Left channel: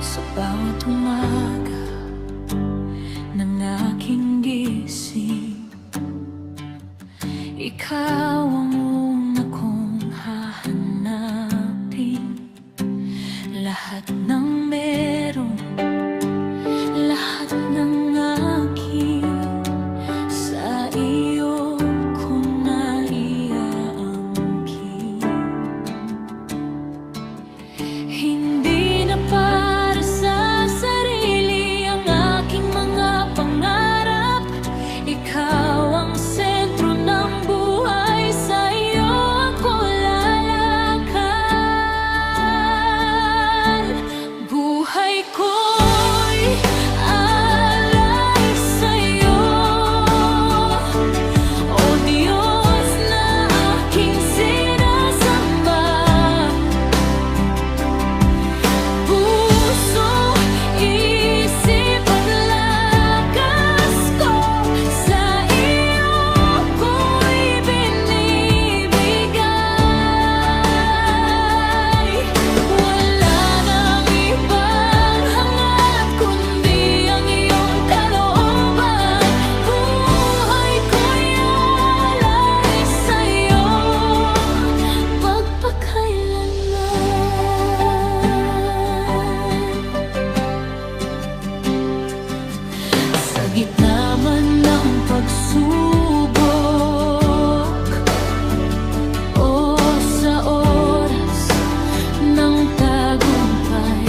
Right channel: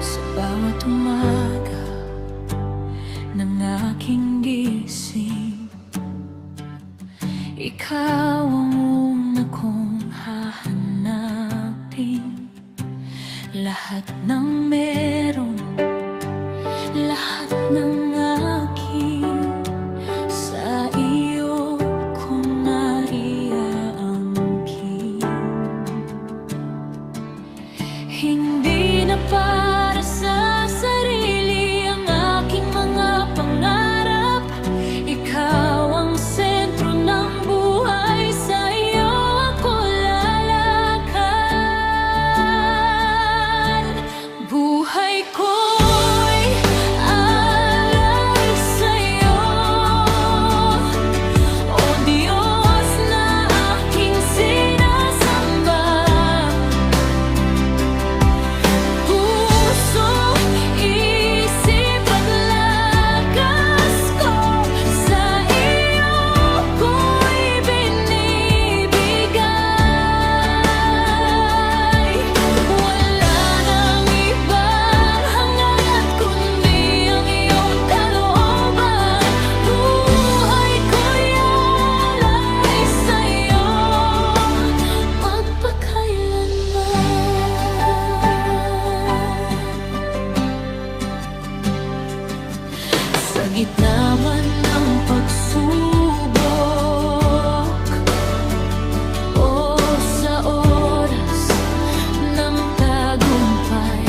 Sa bawat umaga ng aking gising, ikaw ang una kong hahanapin. Lahat ng meron, lahat ng aking, sa iyo ko naiaangkin. Hindi na para sa sarili ang aking mga pangarap. Ikaw ang sentro ng buhay, sa iyo ako lalakad. Buhay ko'y alay sa'yo, O Diyos na aking sinasamba. Puso, isip at lakas ko, sa iyo ko'y binibigay. Wala nang ibang hangad kundi ang iyong kalooban. Buhay ko'y alay sa'yo magpakailanman. Sa gitna man ng pagsubok o sa oras ng tagumpay,